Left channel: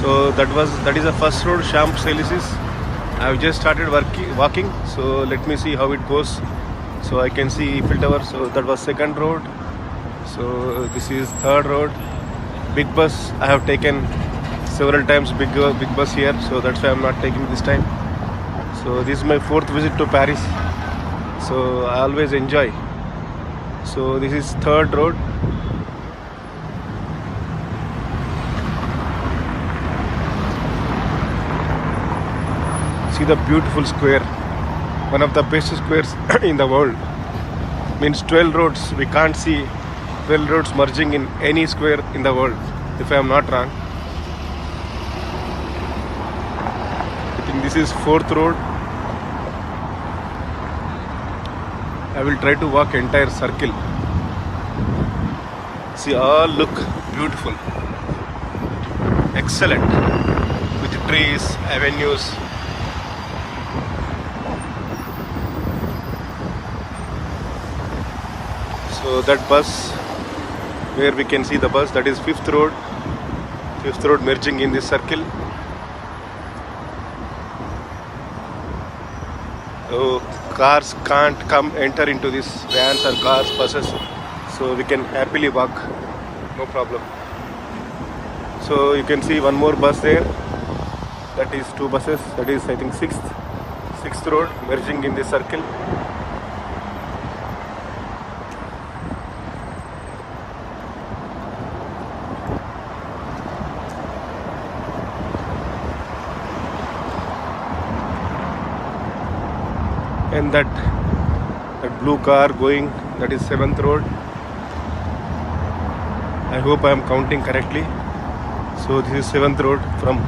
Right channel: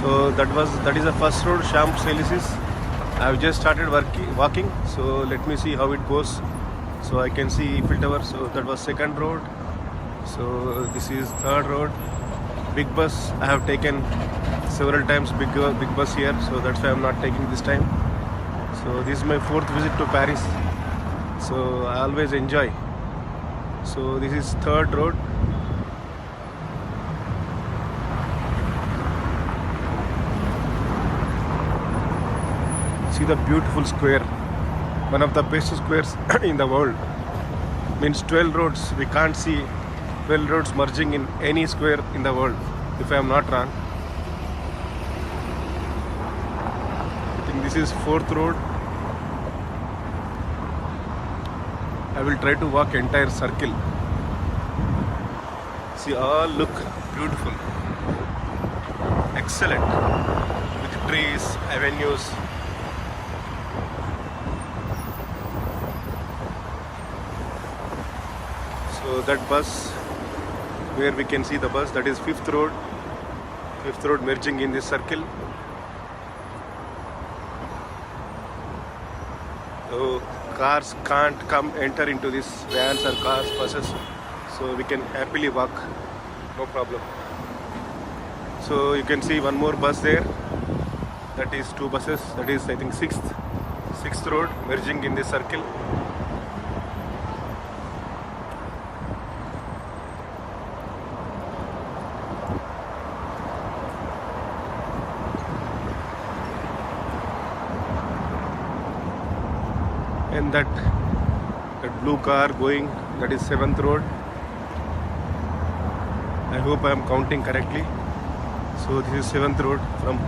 So that is the first road, Champs-Élysées. I have just started walking, so let me see how it goes. So I can see Eiffel Tower. So that was second road. So this is third road. Big bus. I have taken several times big bus here, so that's why I'm not taking this time. So this is my fourth visit to Paris. So I always enjoy. So this is third road. See the beautiful square, one of the best squares in the world. Means 12 roads. We can't see 12 roads merging in any square in the world, if I am not wrong. I think this is fourth road. I will try to walk entire circle. See, all look beautiful, excellent, with trees, avenues. So that bus, where we can see the bus, that is fifth road. Fifth road merging in this circle. So cars can't enter into this, vans or cars, buses. So we can happily walk, no problem. So you can see one more bus there. That is two buses. That is, I think, sixth road merging in this circle. And that blue car going, that is seventh road. I hope I am counting correctly. So this is seventh road from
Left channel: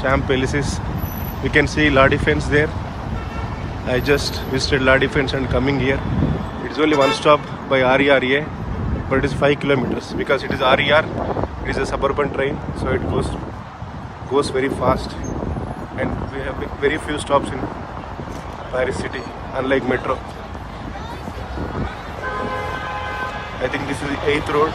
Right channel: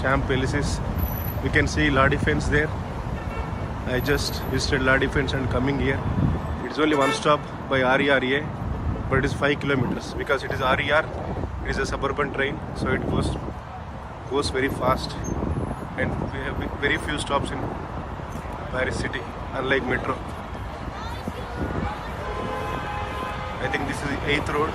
Champs-Élysées. You can see La Défense there. I just visited La Défense and coming here. It's only one stop by RER, but it is 5 kilometers because it is RER. It is a suburban train, so it goes very fast, and we have very few stops in Paris city, unlike metro. I think this is the 8th road.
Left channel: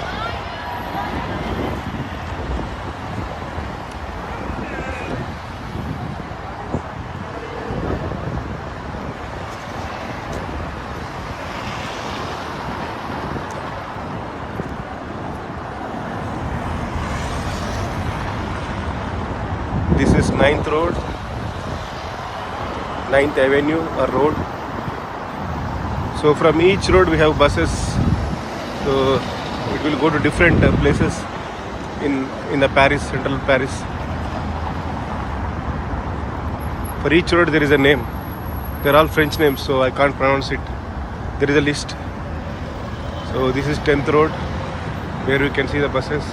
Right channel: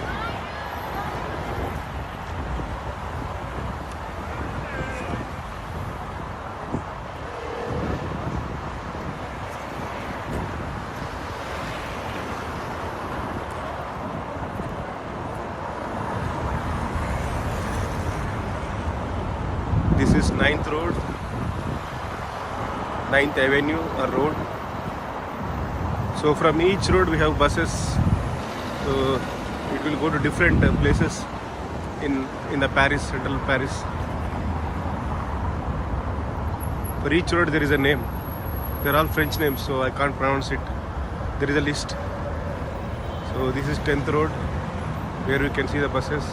This is 9th road. 9th Avenue or road. So from each road we have buses. So it will go to different places in the Paris, central Paris. For each road there is a name. They are all French names, so I can't pronounce it. There is a list. So this is 10th road, where we can see the buses.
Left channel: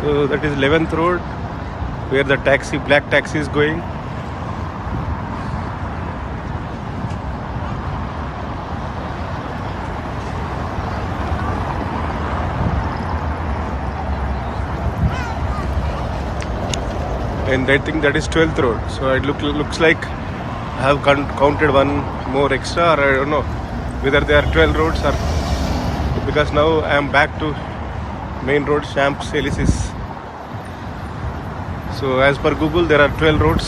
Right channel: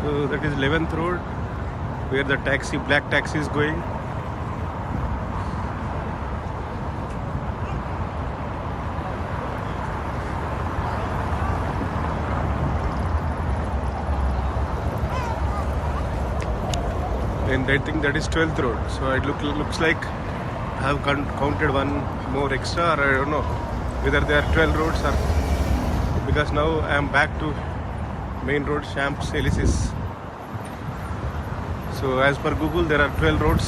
So that is 11th road, where the black taxi is going. And I think that is 12th road. So it looks like I have counted one more extra, or I don't know whether there are 12 roads, or because now I am back to main road, Champs-Élysées. So as per Google, there are 12 roads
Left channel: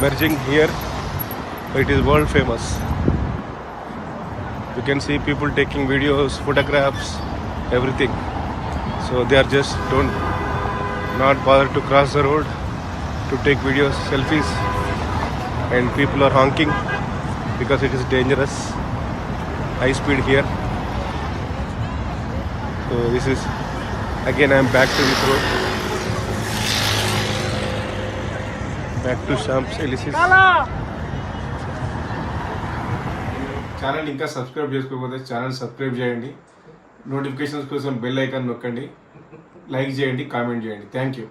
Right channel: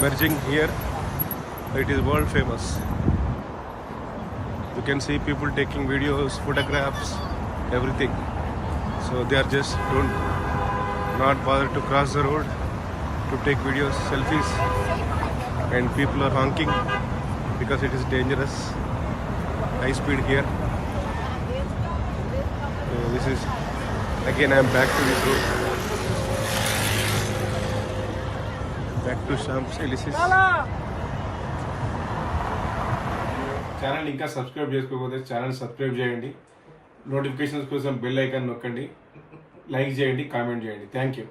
merging here. It is world famous. You can see people taking videos, photographs, everything. So they are just not bother to cross the road to take videos, selfies, and people are honking because it is dangerous. High speed here. So this is, again I am back to this road. Back to Champs-Élysées. Channel ఇంకా subscribe చేసుకోకపోతే channel subscribe చేయండి. Notifications కోసం bell icon నొక్కండి. Like చేయండి, comment చేయండి. Thank you.